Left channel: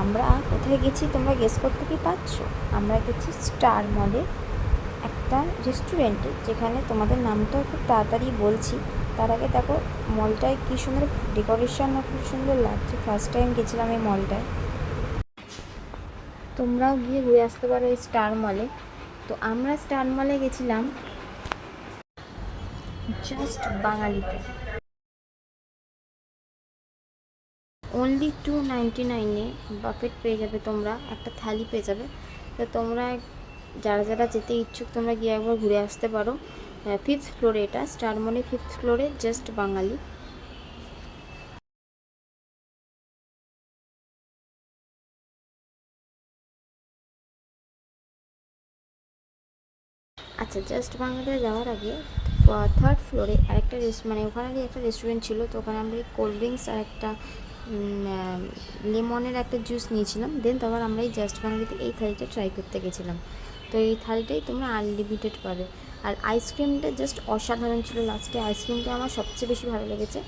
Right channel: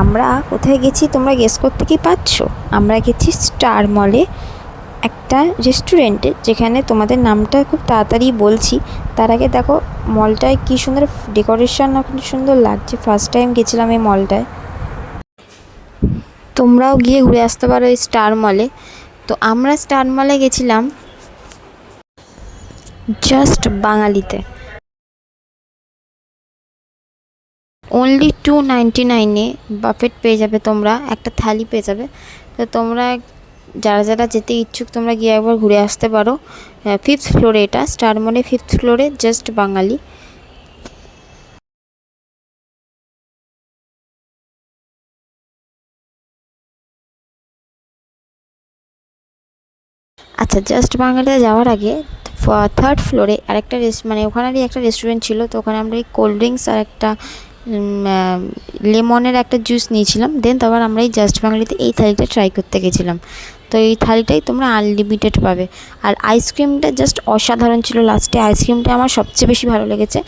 আমরা কোথায় গেছি তোমরা গেস করতে কি পারছো? আমরা গেছি স্টার মলে, একটা রেস্টুরেন্টে, যেখানে তোমাদের নামটা খুব তাড়াতাড়ি বলছি। তার আগে দেখো মলটায় কী সুন্দর ডেকোরেশন, না খুব সুন্দর লাগছে। ফার্স্ট টাইম গেছিলাম এই মলটায়। তোমরাও গিয়ে ঘুরে আসতে পারো এই স্টার মলে। তো আমরা স্টার মলে গেছিলাম জাস্ট বাঙালিতে। অনলি 299-এ বাফেট পেয়ে যাবে, তোমরা একটা থালি পেয়ে যাবে। তো তোমরা যারা যারা যেতে ইচ্ছুক তোমরা গিয়ে একবার ঘুরে আসতে পারো। 5th ফ্লোরে, এটা স্টার মলে 5th ফ্লোরে, জাস্ট বাঙালি। আচ্ছা, জাস্ট বাঙালিতে যাওয়ার আগে 3rd ফ্লোরে আরেকটা মানে ওখানেরই একটা রেস্টুরেন্ট ছিল। তো ওখানে আমরা এই কোল্ড ড্রিঙ্কস আর একটা লেমনের একটা জুস নিয়েছিলাম। দেন তারপর আমরা এই জাস্ট বাঙালিতে এই থালিটা ট্রাই করতে গেছিলাম। তো এই থালিটাই তোমরা আনলিমিটেড পাবে। আর আইসক্রিমটা জাস্ট অসাধারণ ছিল। লাস্টে আইসক্রিমটা আমার সবচেয়ে বেশি ভালো লেগেছে,